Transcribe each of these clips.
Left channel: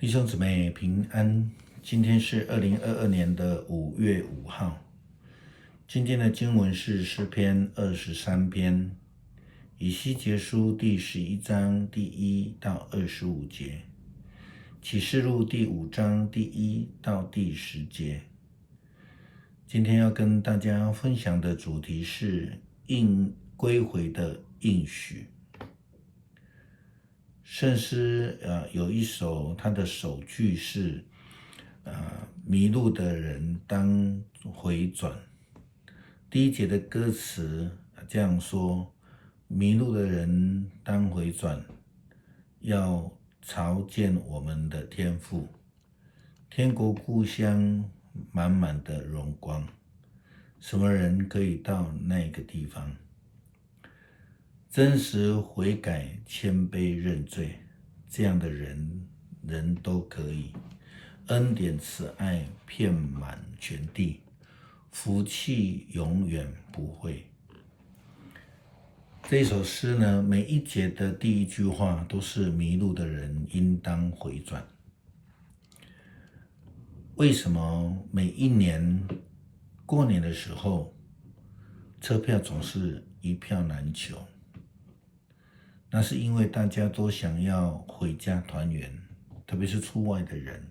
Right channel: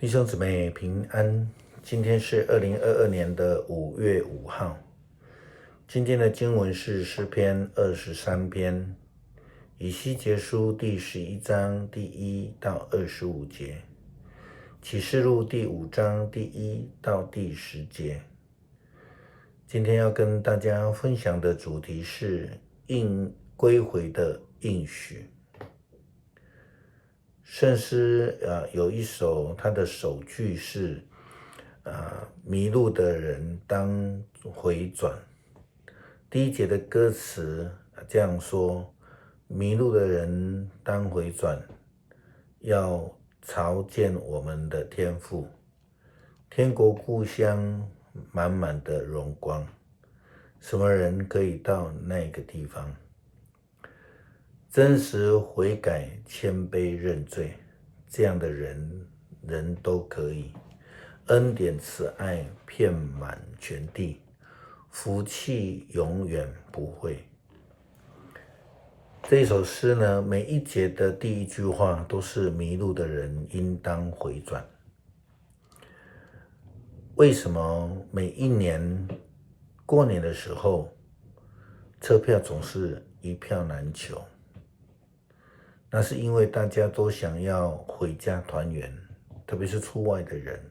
弟兄姊妹平安，今天是2022年的5月5号。今天的经文是诗篇23篇，以西结书第11章第1到25节，启示录第5章第1到第10节。今天要跟大家分享的主题是归回的应许。圣诗有一首，它的首句是迷路的人当回转。第一节的歌词这样说：迷路的人当回转，要朝见我们的天父。天国故乡满满的荣光，什么人可以到那个地方？真实悔改、谦卑认罪，这样的人都可以。恩典慈爱遍满全地，福气永远不会。这首诗呢，每一节的第一句话都是迷路的人应当回转。为什么每一年过年的时候，车票总是一票难求？那是因为大家都想要回家团圆，特别是出外的人。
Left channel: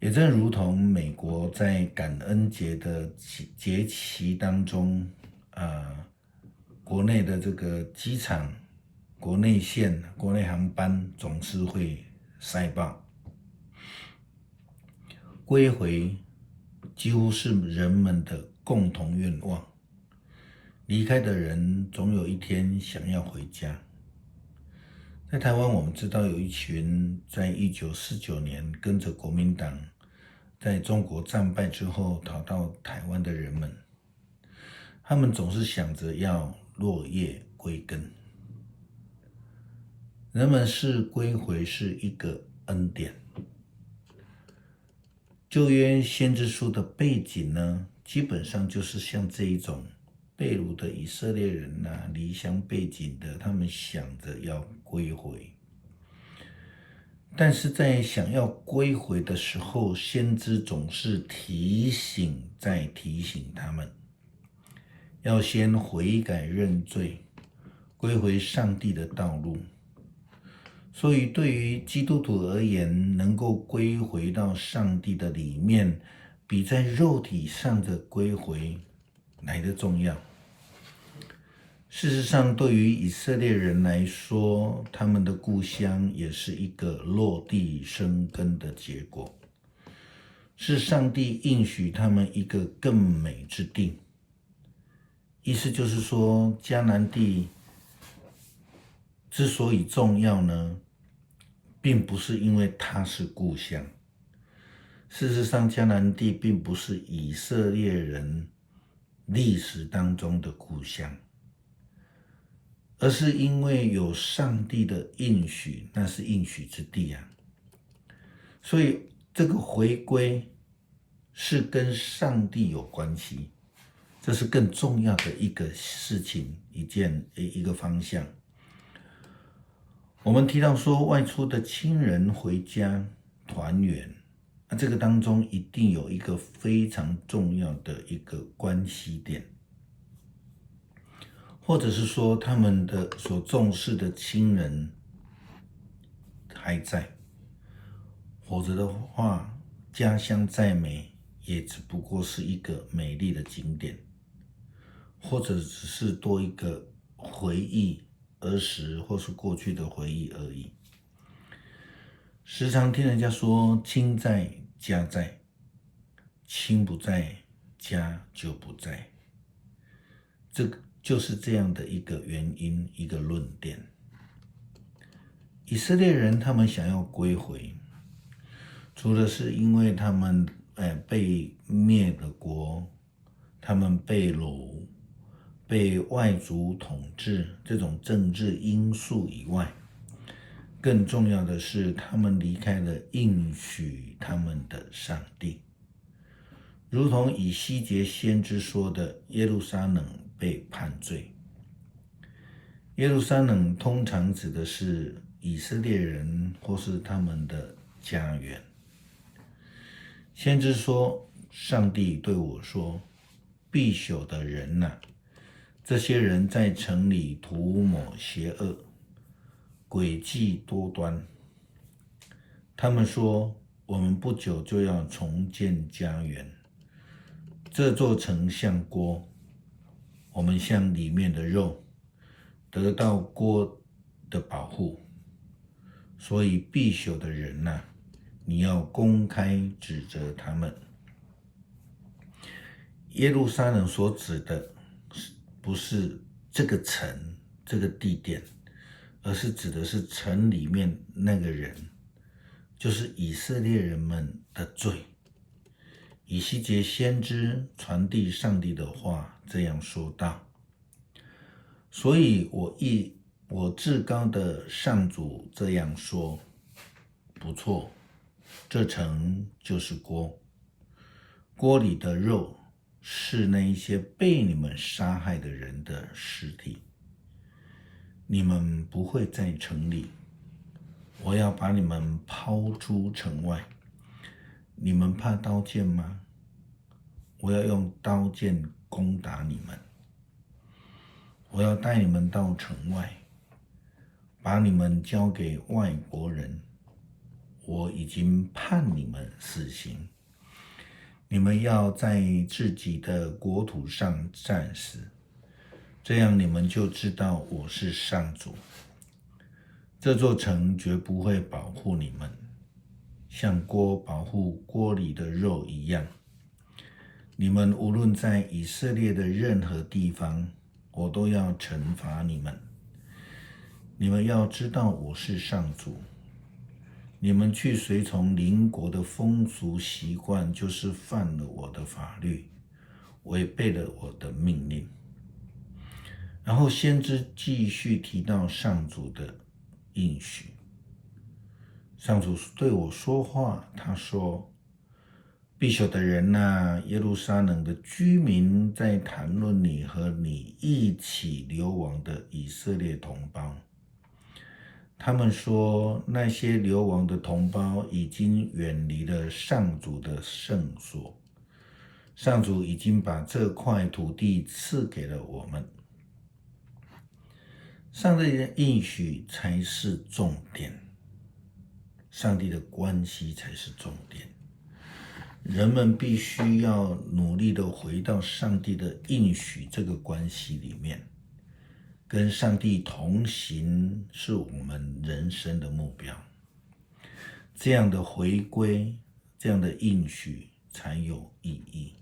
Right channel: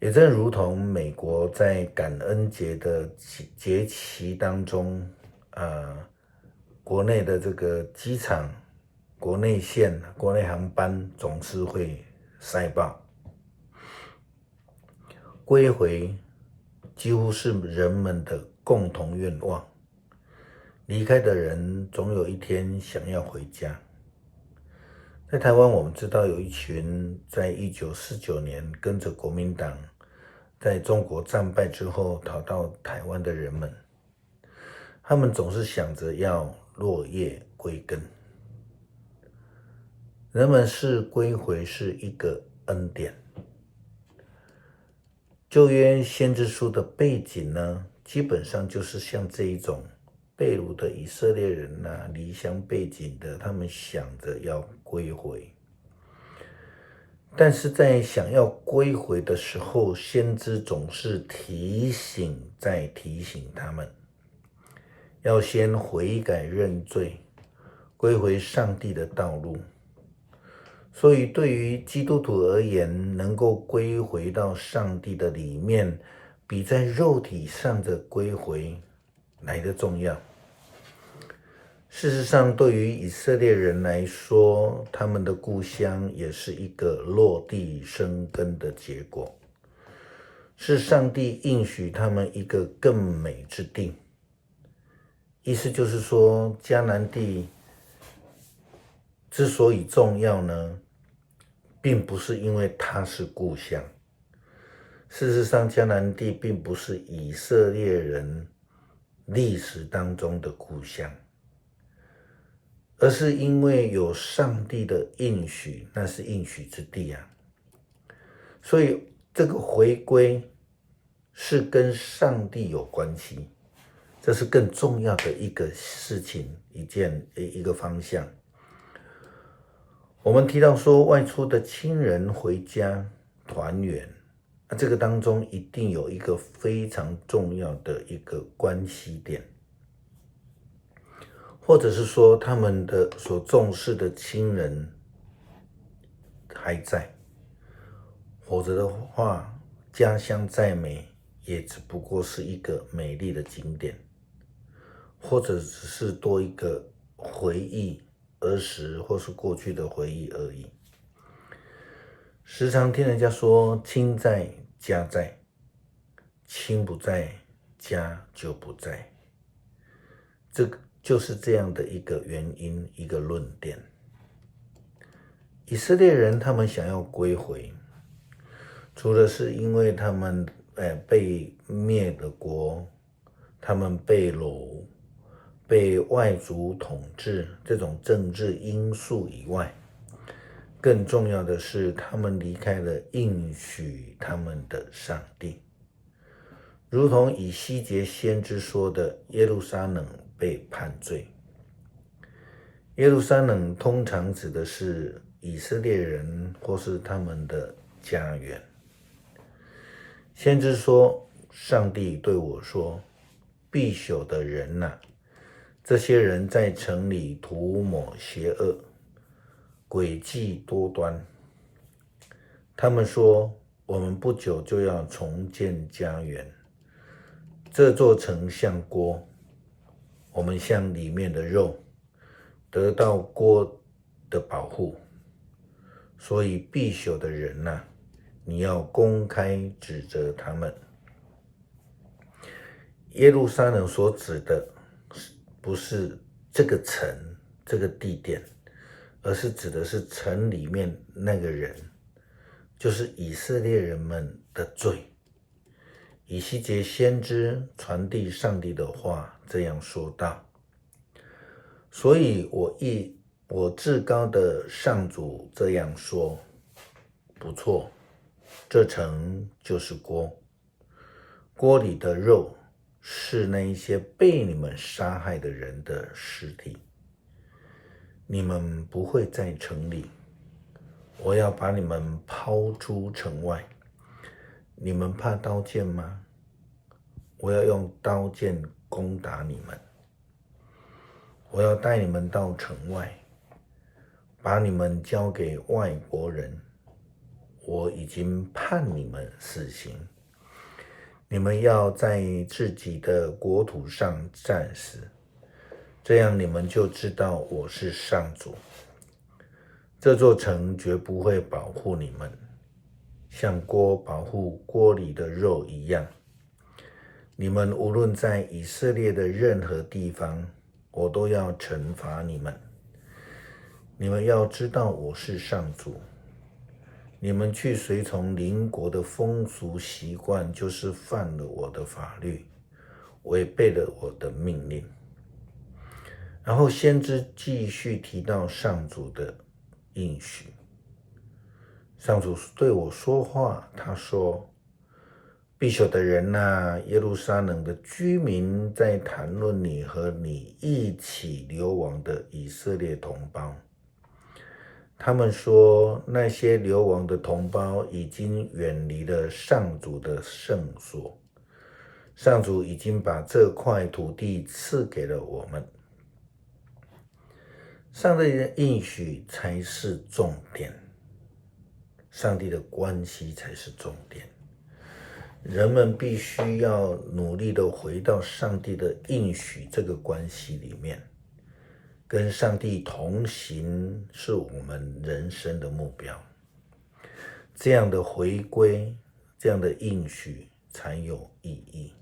也正如同美国在感恩节的节期当中，国内的这个机场、国内线、国内航班总是会塞爆。归回几乎是人们的共同愿望。离开的人总有一天想要回家。在台湾，我们知道有一群在1949年跟着国民党在中国战败之后逃到台湾的人们，他们总是想着要落叶归根。人们视归回是一个恩典。旧约先知书的背景呢，基本上就是像这一种被掳的以色列人离乡背井的，他们想着要归回。但是在想要归回的时候，先知总是提醒再提醒他们，要先悔改认罪，归回上帝的道路。所以对于基督徒而言，能够归回到上帝的里面，比在肉体上的归回来得重要。事实上，对于以色列人来说，他们的故乡也是一个落地生根的结果，是上帝应许他们一个更美之地。意思就是说，迦南地之所以重要呢，并不是因为它是故乡。事实上，迦南地并不是以色列人历史当中的故乡，而是因为有上帝的应许，那是应许之地啊。所以这个回归是跟上帝有关系，这是更重要的一个事情，一个方向。我们提到说，外出的亲人回家团圆，这个当中一定有一个非常重要的一个关系点，或者是说他们的所重视的亲人还在，否则的话，家乡再美也只不过是一个美丽的景点，或者只是多一个回忆儿时或是过去的回忆而已。时常听人家说，亲在家在，亲不在家就不在，这个就是这样的一个原因，一个论点。以色列人他们想要归回，除了是因为他们被灭了国，他们被掳，被外族统治这种政治因素以外，更重要的是他们离开了应许他们的上帝。如同以西结先知说的，耶路撒冷被判罪。耶路撒冷通常指的是以色列人或是他们的家园。先知说，上帝对我说，必朽的人啊，这些人在城里涂抹邪恶，诡计多端。他们说，我们不久就要重建家园，这座城像锅，我们像里面的肉，得到锅的保护。所以必朽的人啊，你要公开指责他们。耶路撒冷所指的不是这个城这个地点，而是指的是城里面那个人，就是以色列人们的罪。以西结先知传递上帝的话，这样说道：所以我至高的上主这样说，不错，这城就是锅，锅里的肉是那一些被你们杀害的人的尸体。你们不会在城里，我要把你们抛出城外。你们怕刀剑吗？我要用刀剑攻打你们。我要带你们到城外，把你们交给外国人。我已经判你们死刑，你们要在自己的国土上战死，这样你们就知道我是上主。这座城绝不会保护你们，像锅保护锅里的肉一样。你们无论在以色列的任何地方，我都要惩罚你们。你们要知道我是上主。你们去随从邻国的风俗习惯，就是犯了我的法律，违背了我的命令。然后先知继续提到上主的应许。上主对我说话，他说：必朽的人啊，耶路撒冷的居民在谈论你和你一起流亡的以色列同胞。他们说，那些流亡的同胞已经远离了上主的圣所，上主已经把这块土地赐给了我们。上帝的应许才是重点，上帝的关系才是重点。人们必须要努力的回到上帝的应许这个关系里面，跟上帝同行是我们人生的目标。这样的回归，这样的应许才有意义。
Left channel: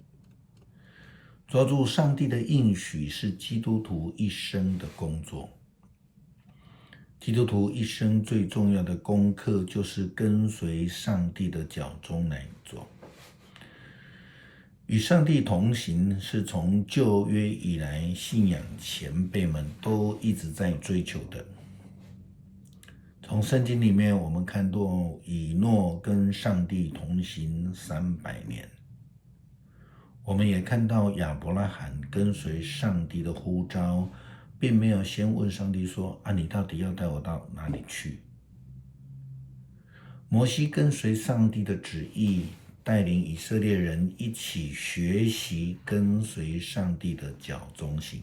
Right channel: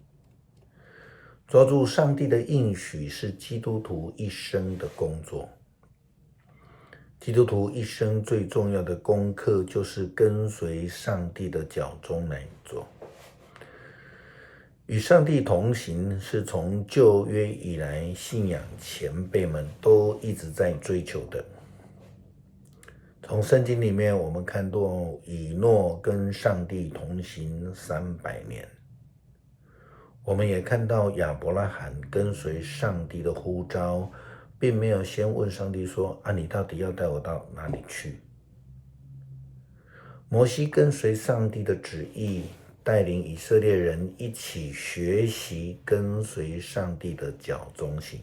抓住上帝的应许是基督徒一生的工作。基督徒一生最重要的功课就是跟随上帝的脚踪来做。与上帝同行是从旧约以来信仰前辈们都一直在追求的。从圣经里面我们看到以诺跟上帝同行300年，我们也看到亚伯拉罕跟随上帝的呼召，并没有先问上帝说：你到底要带我到哪里去？摩西跟随上帝的旨意，带领以色列人一起学习跟随上帝的脚踪行。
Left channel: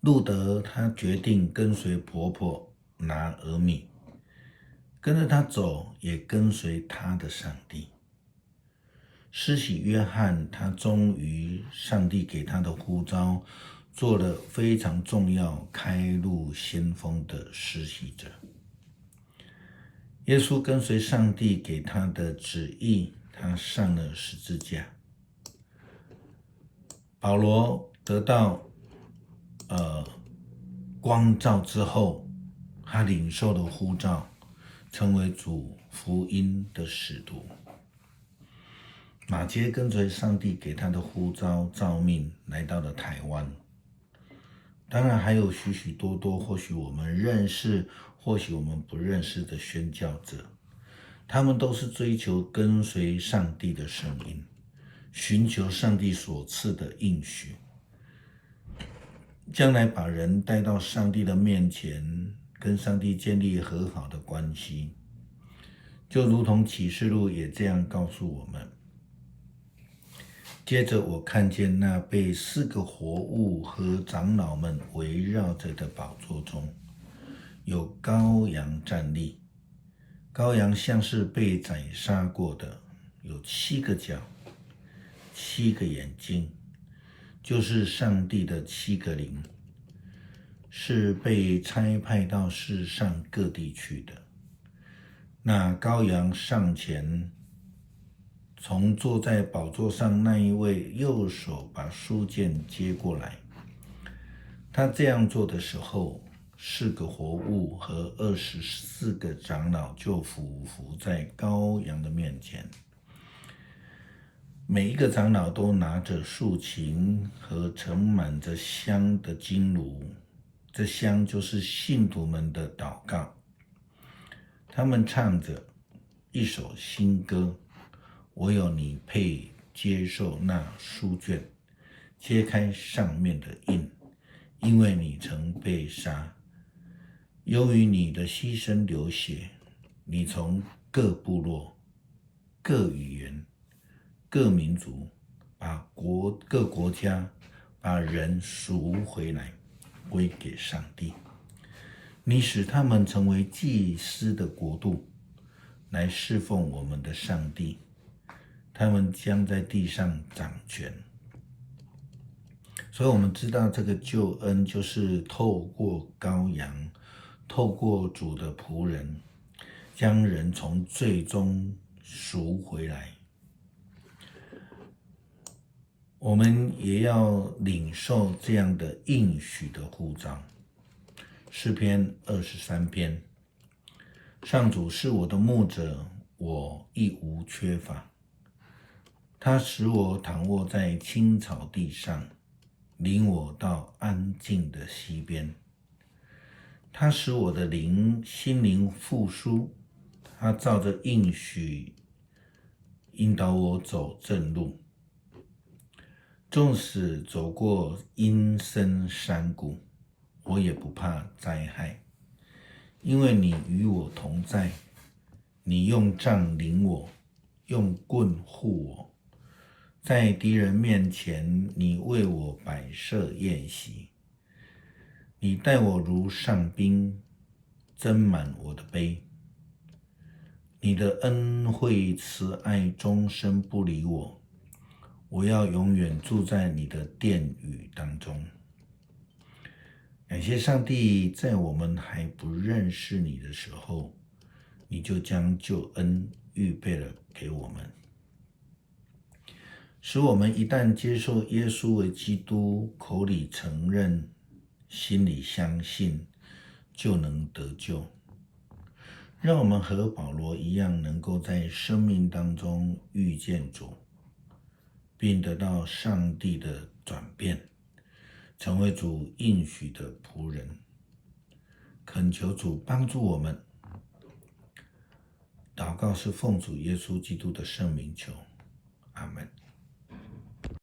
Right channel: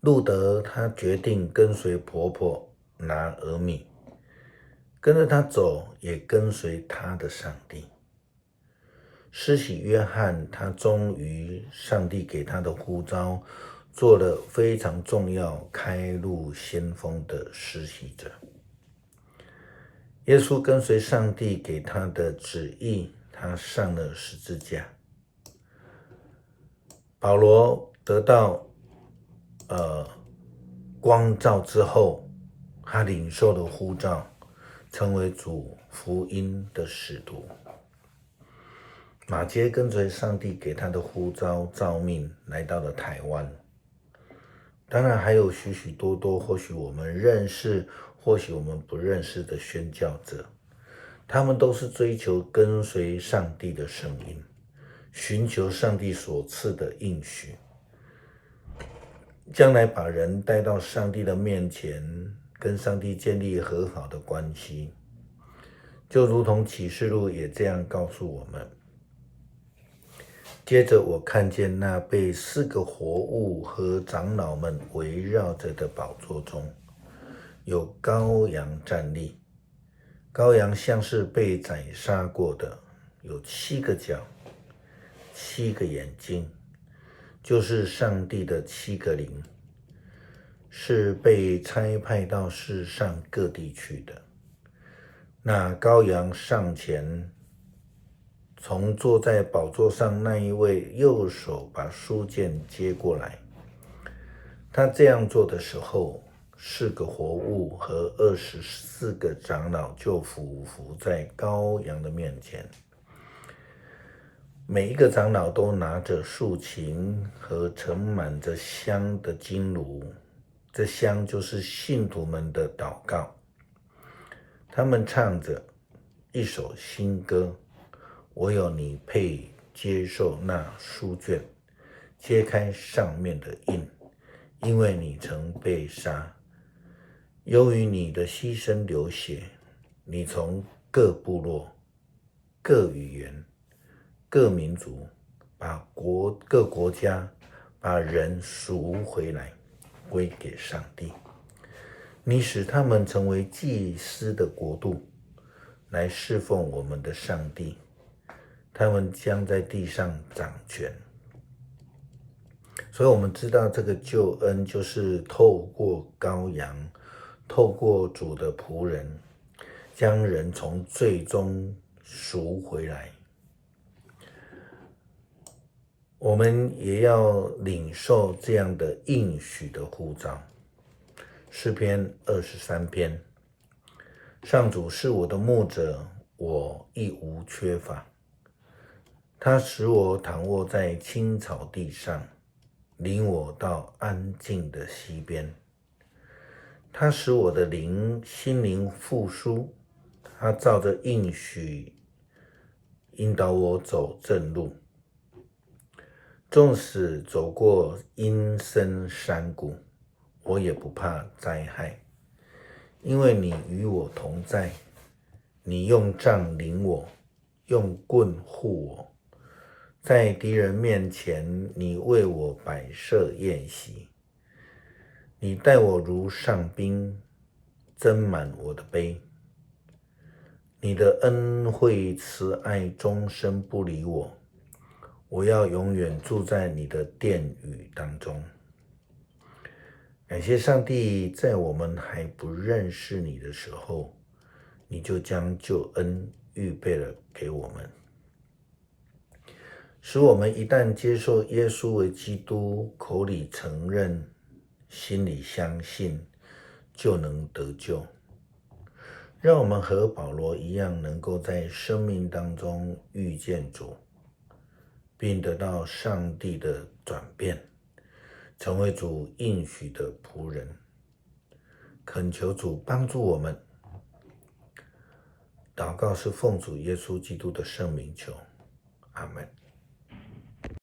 路德他决定跟随婆婆拿俄米，跟着他走，也跟随他的上帝。施洗约翰他忠于上帝给他的呼召，做了非常重要开路先锋的施洗者。耶稣跟随上帝给他的旨意，他上了十字架。保罗得到光照之后，他领受了呼召，成为主福音的使徒。马偕跟随上帝给他的呼召召命，来到了台湾。当然还有许许多多或许我们认识或许我们不认识的宣教者，他们都是追求跟随上帝的声音，寻求上帝所赐的应许，将来把人带到上帝的面前，跟上帝建立和好的关系，就如同启示录也这样告诉我们。接着我看见那被4个活物和长老们围绕着的宝座中，有羔羊站立。羔羊像是被宰杀过的，有7个角，7个眼睛，就是上帝的7个灵，是被差派到世上各地去的。那羔羊上前，从坐在宝座上那一位右手把书卷接过来。他这样做的时候，4个活物和24个长老就俯伏在羔羊的面前。每一个长老都拿着竖琴和盛满着香的金炉，这香就是信徒们的祷告。他们唱着一首新歌，唯有你配接受那书卷，揭开上面的印，因为你曾被杀，由于你的牺牲流血，你从各部落、各语言、各民族，各国家把人赎回来，归给上帝。你使他们成为祭司的国度，来侍奉我们的上帝。他们将在地上掌权。所以我们知道这个救恩就是透过羔羊，透过主的仆人，将人从罪中赎回来。我们也要领受这样的应许的呼召。诗篇23篇，上主是我的牧者，我一无缺乏。他使我躺卧在青草地上，领我到安静的溪边。他使我的心灵复苏，他照着应许引导我走正路。纵使走过阴森山谷，我也不怕灾害，因为你与我同在。你用杖领我，用棍护我，在敌人面前，你为我摆设宴席。你待我如上宾，斟满我的杯。你的恩惠慈爱终身不离我，我要永远住在你的殿宇当中。感谢上帝，在我们还不认识你的时候，你就将救恩预备了给我们，使我们一旦接受耶稣为基督，口里承认，心里相信，就能得救。让我们和保罗一样，能够在生命当中遇见主，并得到上帝的转变，成为主应许的仆人。恳求主帮助我们。祷告是奉主耶稣基督的圣名求，阿们。